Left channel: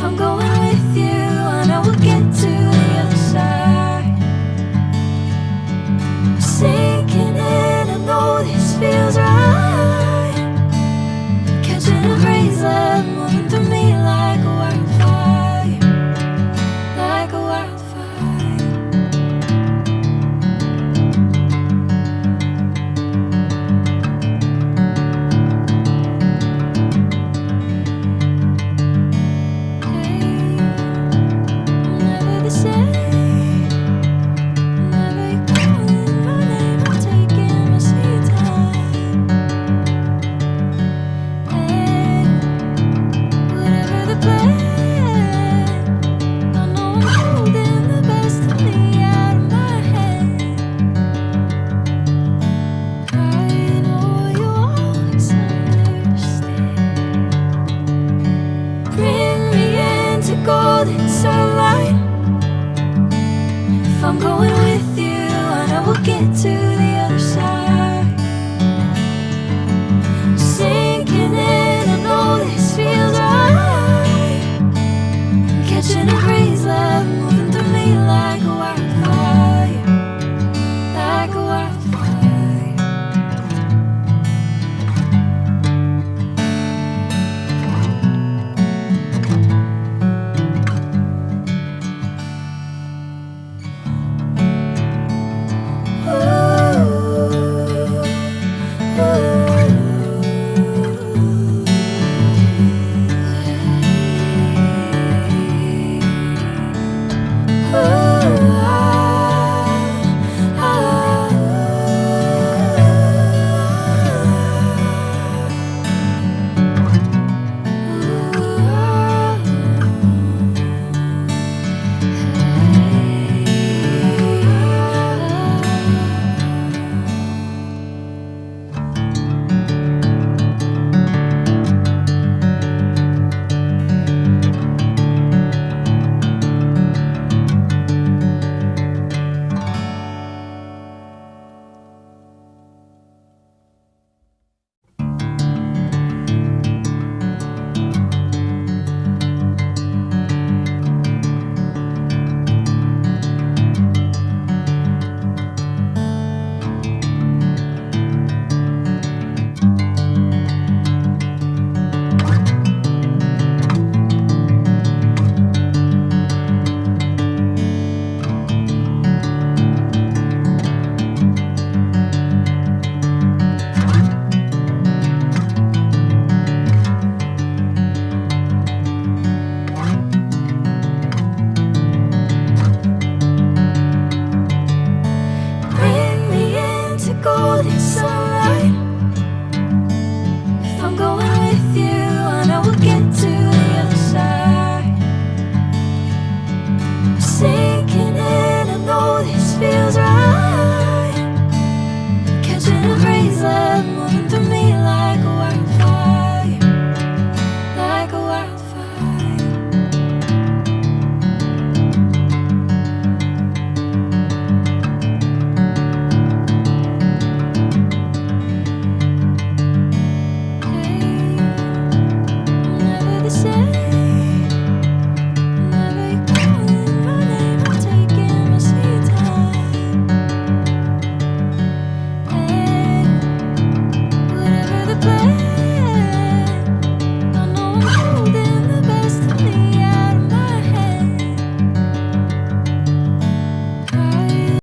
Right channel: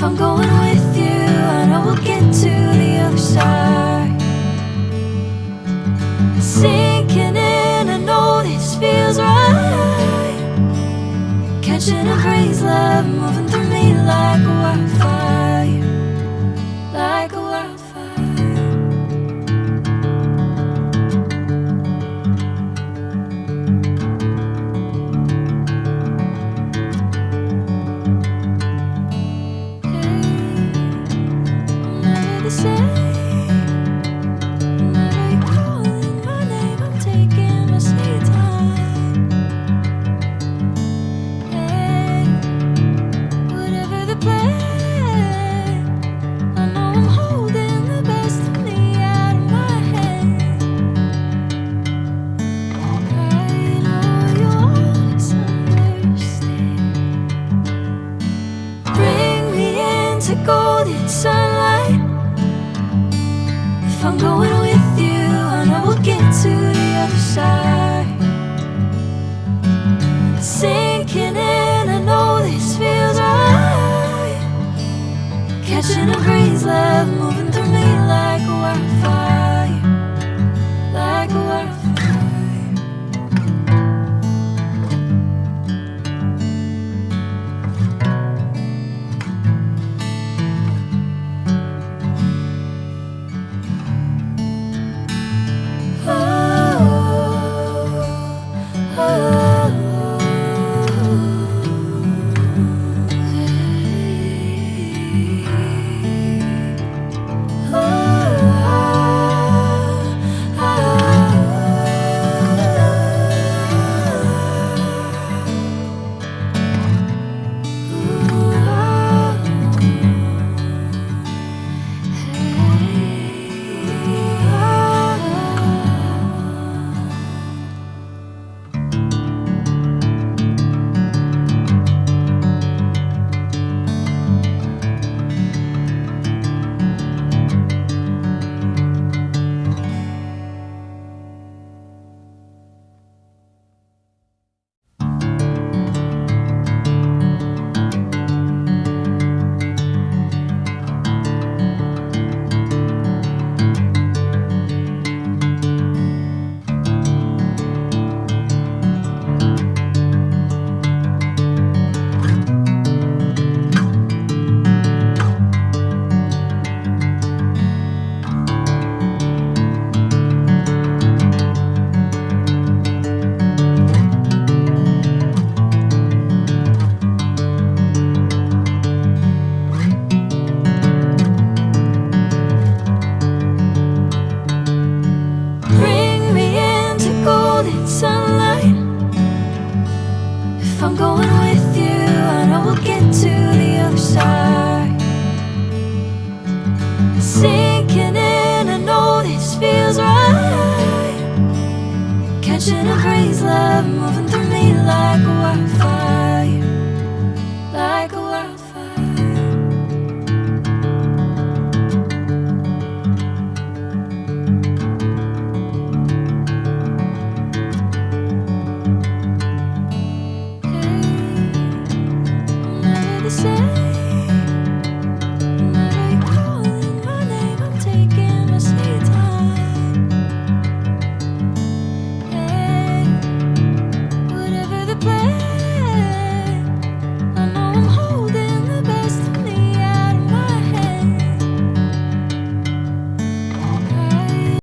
If I'm going with you, I know we'll get to the other side. Sinking in, I know this feels right. Catching a crazy love, moving through me like a wildfire, like a wildfire. Golden sunlight. If I'm going with you, I know we'll get to the other side. Sinking in, I know this feels right. Catching a crazy love, moving through me like a wildfire, like a wildfire. Sunlight. If I'm going with you, I know we'll get to the other side. Sinking in, I know this feels right. Catching a crazy love, moving